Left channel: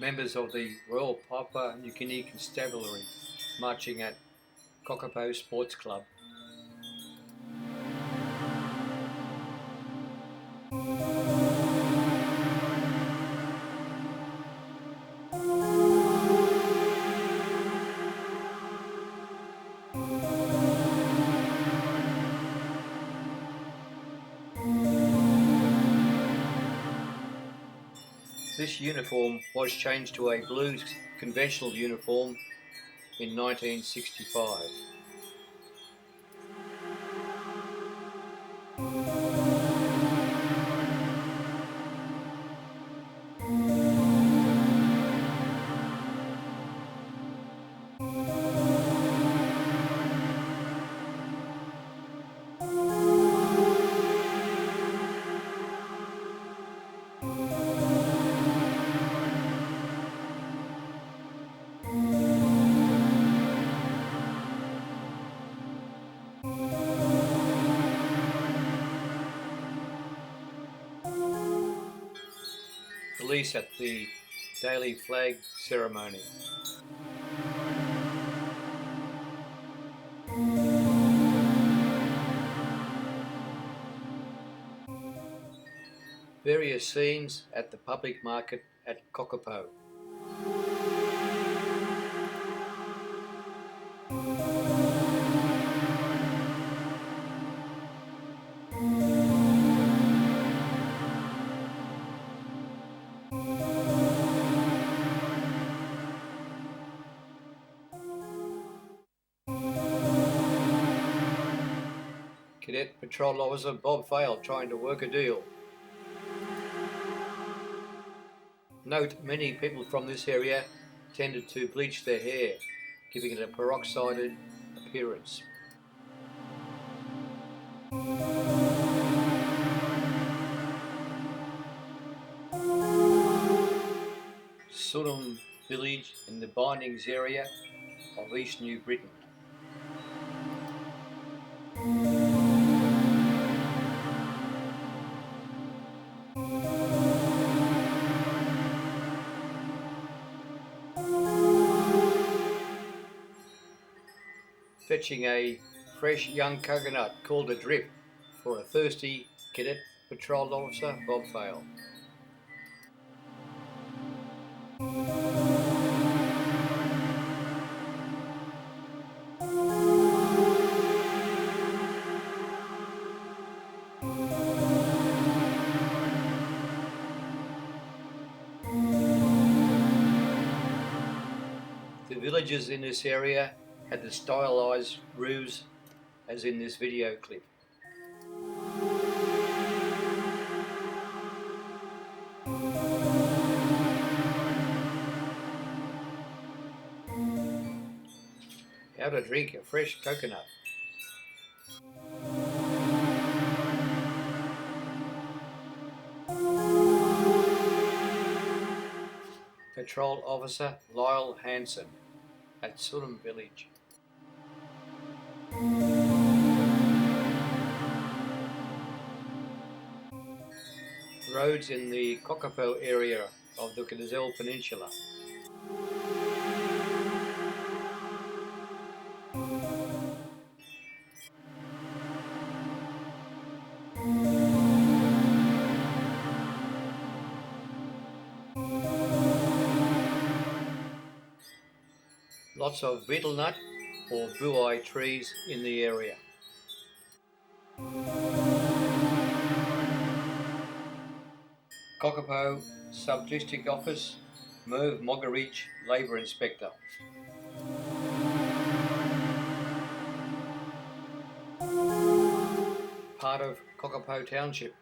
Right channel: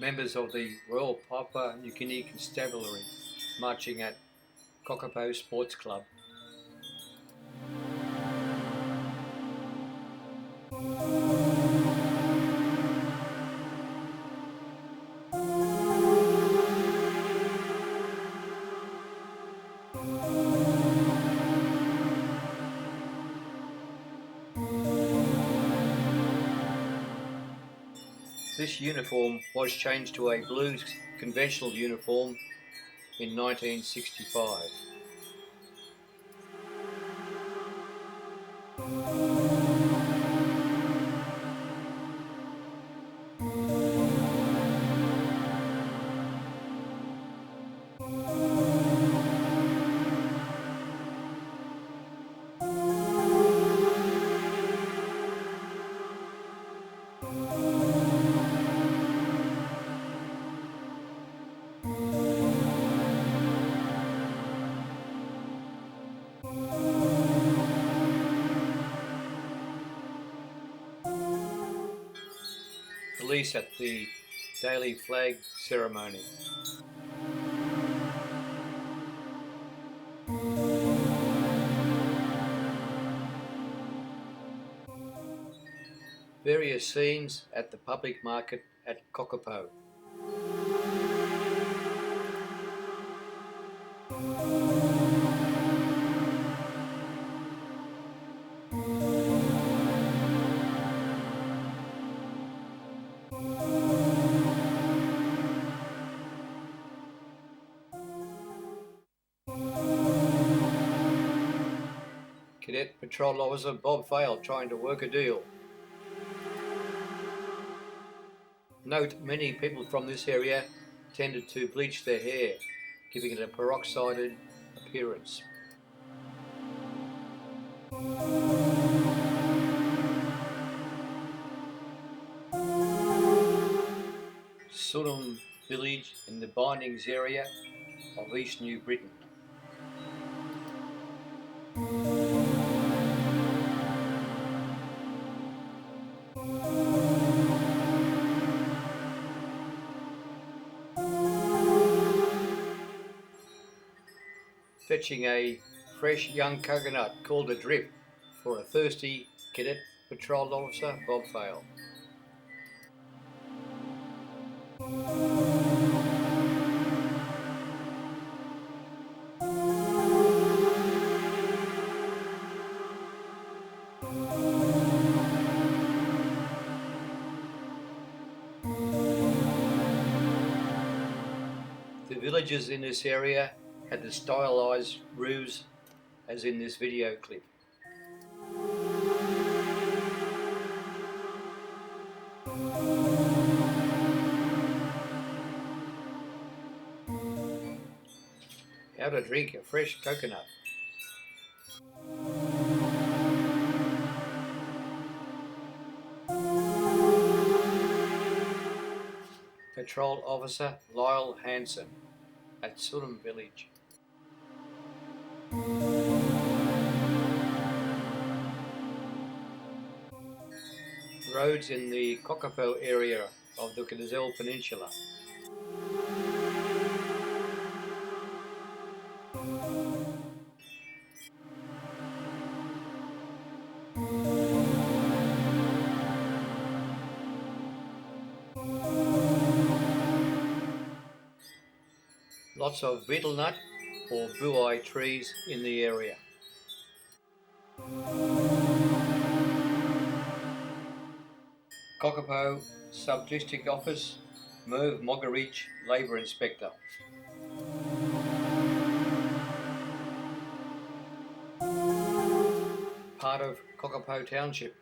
members of the Royal Papua New Guinea Constabulary marching at Kokopo Sports Club. This uniform was changed to a blue conventional uniform in 1965. Police at the daily flag ceremony. Various scenes at the public market at Kokopo. Cadet Patrol Officer Bob Fayle trying to work a deal. Note, many people from this area tended to bleach their hair, giving it a peroxided appearance. Sunum village in the Bindings area of East New Britain. Fetching a fresh young coconut called a drip for a thirsty Cadet Patrol Officer Bob Fayle. The villagers in this area had the stylized roofs as in this video clip. How to drink a fresh coconut. Patrol Officer Lyle Hanson at Sunum Village. Roads in the Kokopo area of the Gazelle Peninsula. Lots of betel nut or buai trees in the area. Kokopo Sub-District Office, Merv Mogarich, Labour Inspector. Part of Kokopo Township.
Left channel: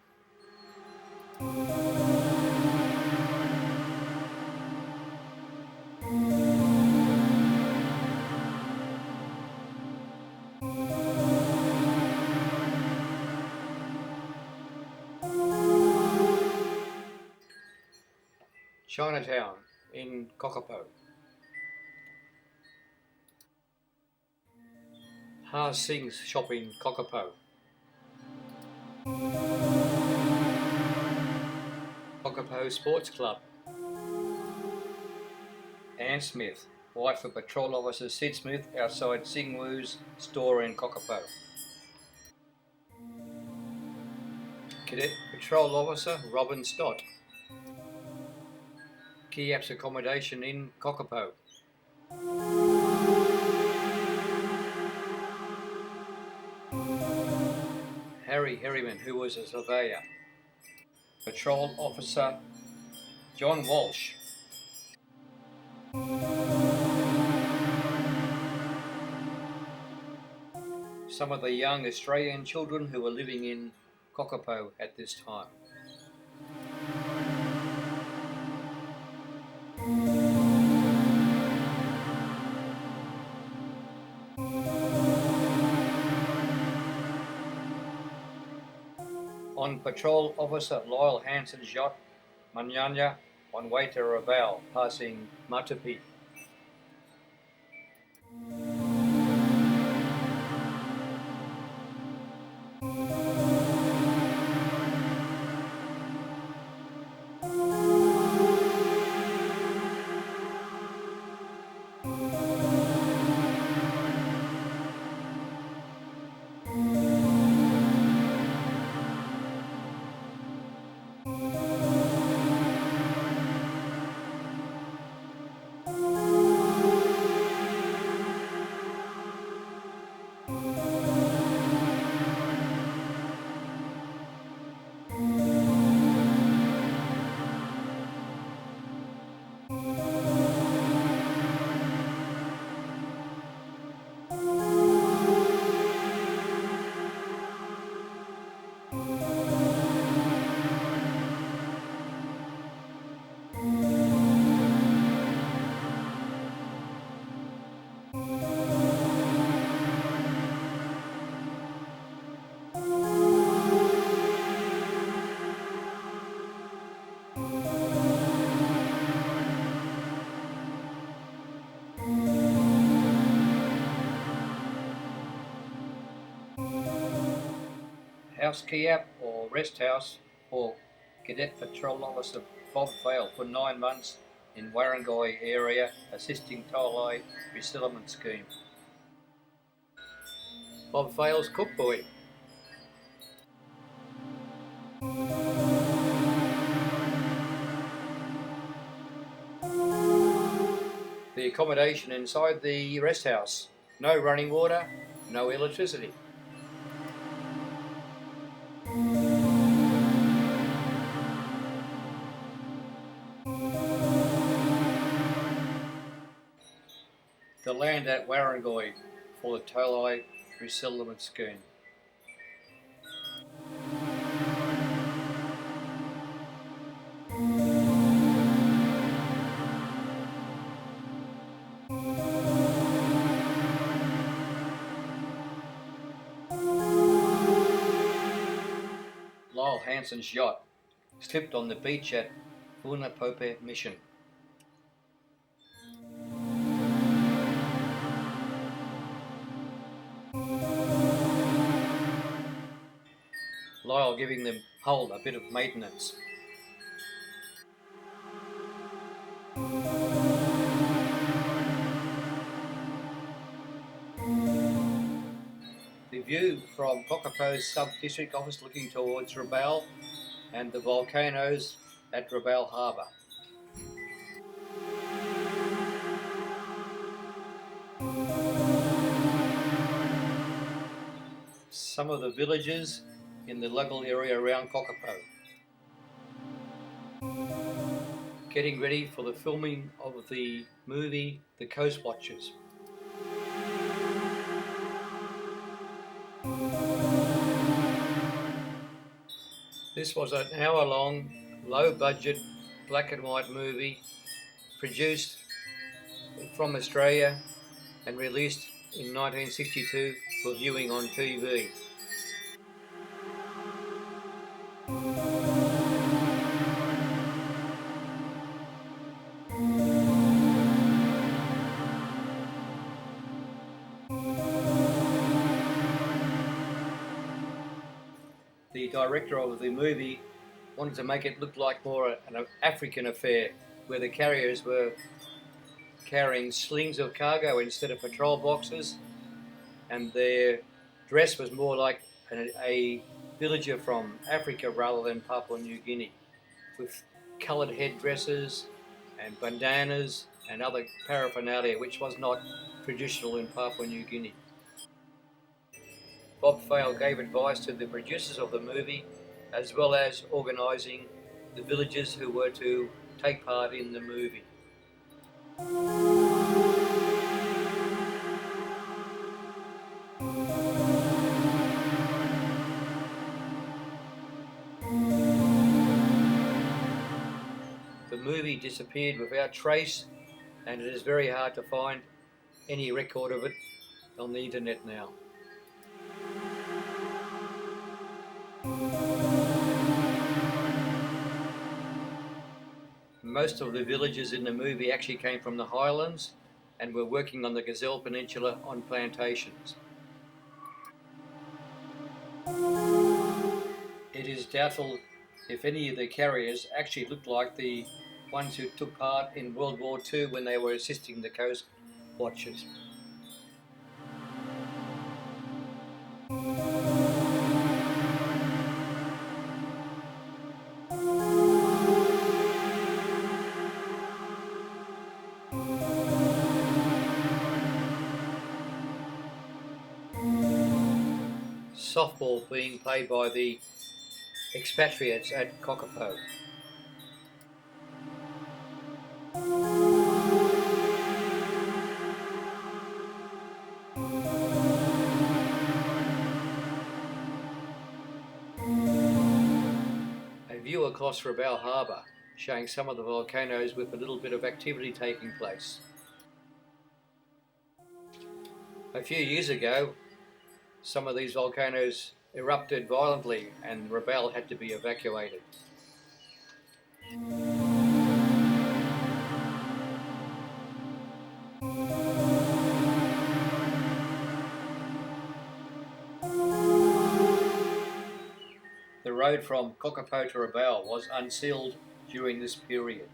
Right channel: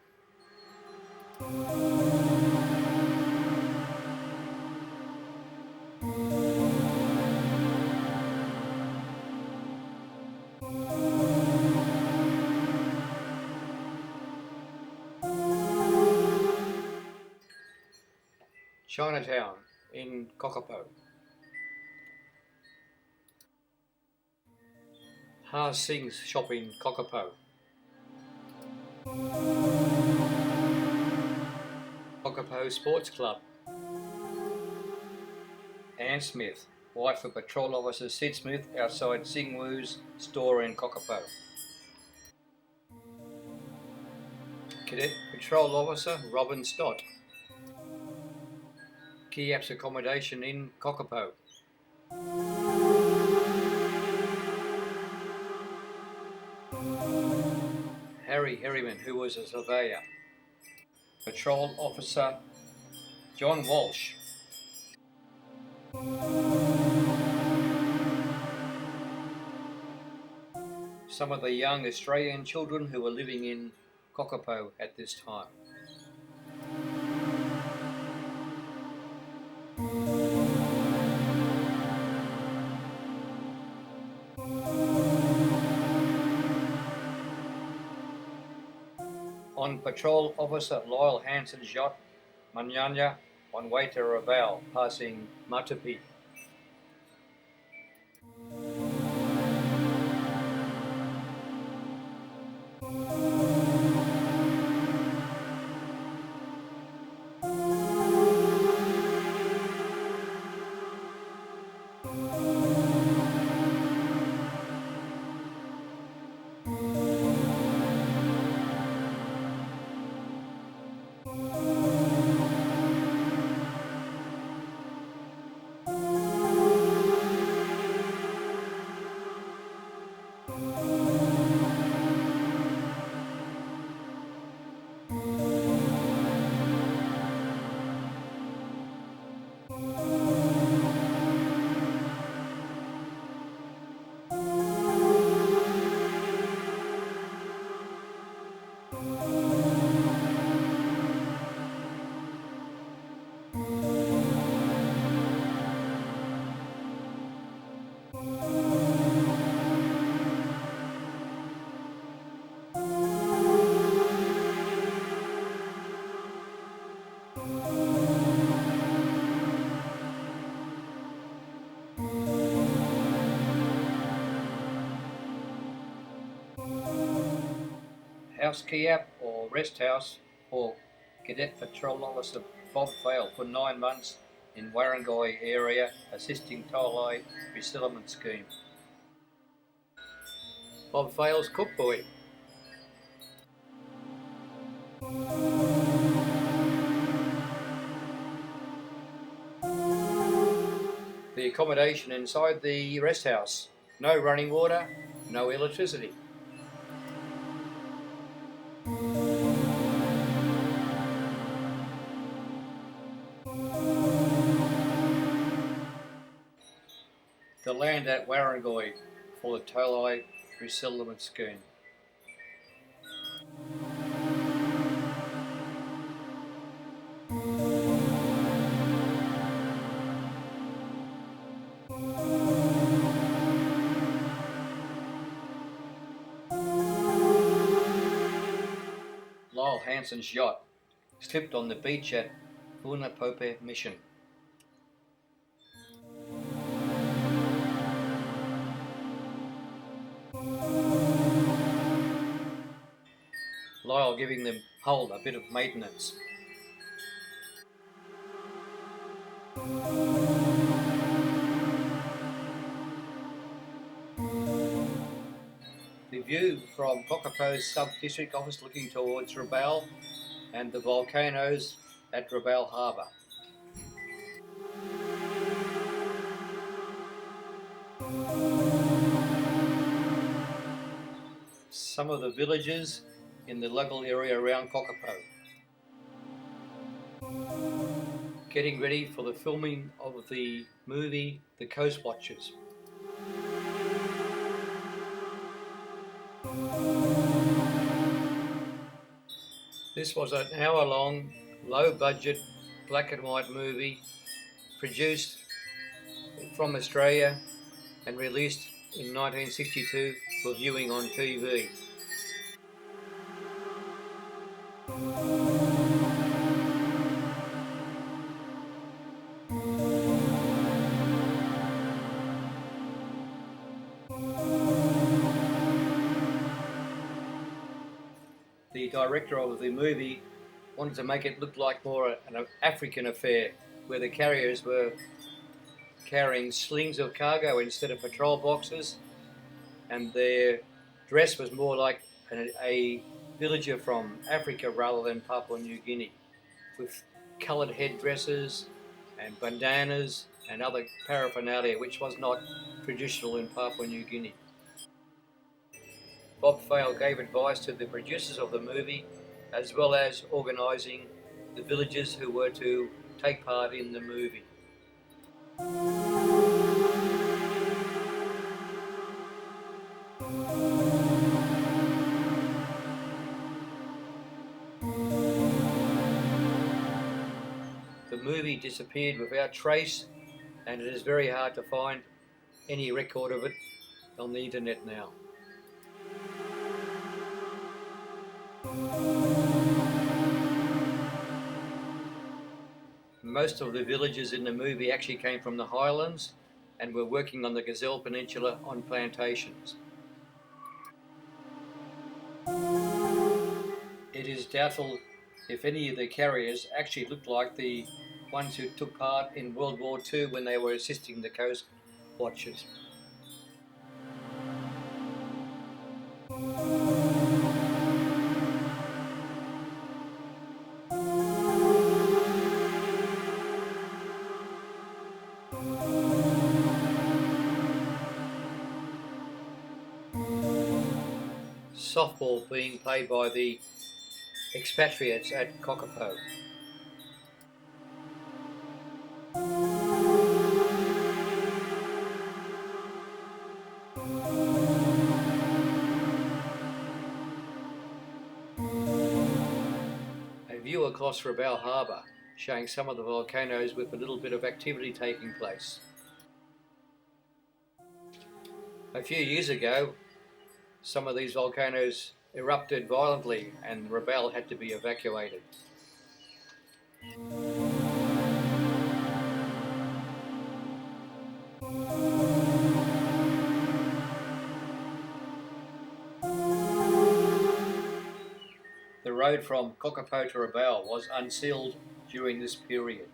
Chinatown in Kokopo. Ha Singh's shop in Kokopo. Kokopo Sports Club. Ann Smith, wife of Patrol Officer Sid Smith outside Singwoo's store in Kokopo. Cadet Patrol Officer Robin Stott. Kiap's accommodation in Kokopo. Harry Herriman, who was a surveyor. Patrol Officer John Walsh. Some of the young Australian children who were living in Kokopo at this time. On Patrol Officer Lyle Hanson's yacht, Manyanya, on way to Rabaul, passing Matupi. House Kiap or rest house for Cadet Patrol Officer Bob Fayle for 9 months in Warrangai area assisting Tolai resettlement scheme. Bob Fayle's cook boy. The accommodation inside the rest house. No running water, no electricity. The land at Warrangai for the Tolai resettlement scheme. Lyle Hanson's yacht slipped on the beach at Punapope Mission. Lyle giving the hull a bit of maintenance. The view from Kokopo's sub-district office looking towards Rabaul and the volcanoes at Rabaul Harbour. Some of the villages in the local area around Kokopo. Getting ready for the filming of the movie The Coast Watchers. This was an hour-long, low-budget, black and white movie produced from Australia and released in 1962 for viewing on TV. The director of the movie wanted to make it look like more an African affair, where the carriers were carrying slings of cargo instead of patrol boxes, and their dress was more like a villager from Africa rather than Papua New Guinea, with coloured headdresses and bandanas and other paraphernalia which was not traditional in Papua New Guinea. Bob Fayle gave advice to the producers of the movie, as well as organising the villagers who were to take part in the movie. The movie disappeared without trace, and it is very hard to find any record of it on the internet now. Most of the villagers in the movie actually came from the highlands and were working on the Gazelle Peninsula on plantations. It is doubtful if any of the carriers actually looked like the ones who took part in World War II when they were assisting the coast watchers. Softball being played by the expatriates at Kokopo. A view across Rabaul Harbour showing some of the volcanoes with a little bit of activity taking place. A few years ago, some of these volcanoes erupted violently and Rabaul had to be evacuated. The road from Kokopo to Rabaul was unsealed during this period.